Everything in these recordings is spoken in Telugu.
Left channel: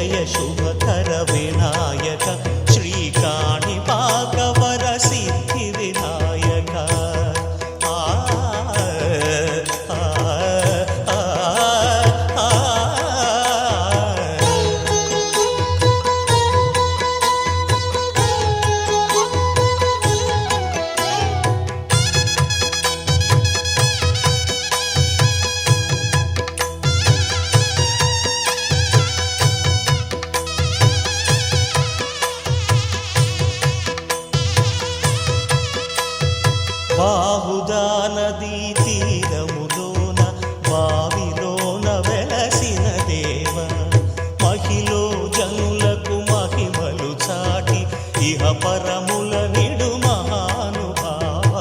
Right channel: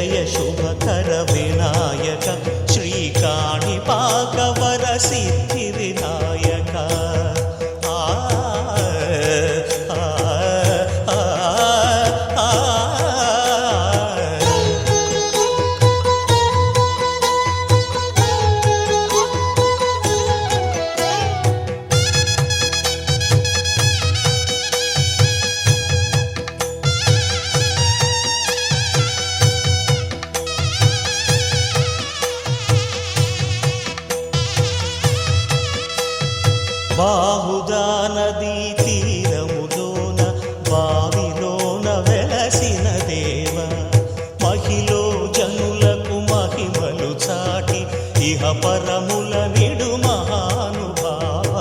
జయ శుభకర వినాయక శ్రీకాణిపాకవర సిద్ధి వినాయక బాహుదా నదీ తీరములోన బావిలోన వెలసిన దేవ మహిలో జనులకు మహిమలు చాటి ఇహ పరముల నిడు మహానుభావ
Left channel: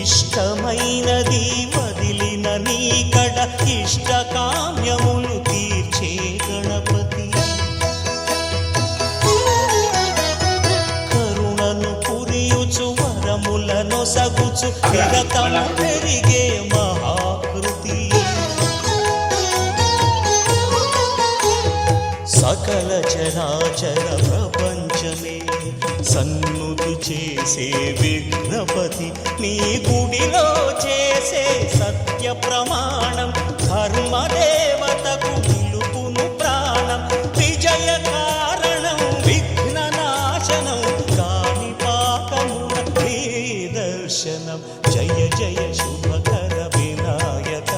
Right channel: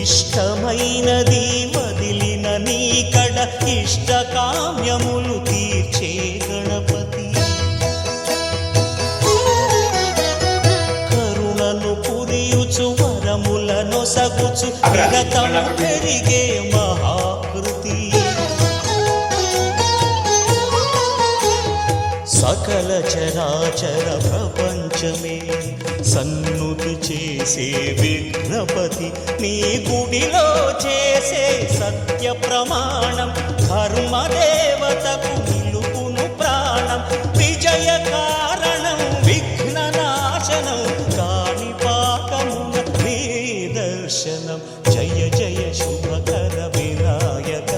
ఇష్టమైనది వదిలిన నీకడ ఇష్టకామ్యములు తీర్చే గణపతి పురియుచు వరములను సగుచు నిరతము పెరిగే మహాకృతి సకల చరాచర ప్రపంచమే సన్నుతి చేసే విఘ్నపతి నీ గుడిలో చేసే సత్య ప్రమాణం ధర్మదేవతకు నిలుపును ప్రాణం విజయ కారణం విఘ్న నాశనం కాణిపాకమున నీ దర్శనం జయ జయ శుభకర వినాయక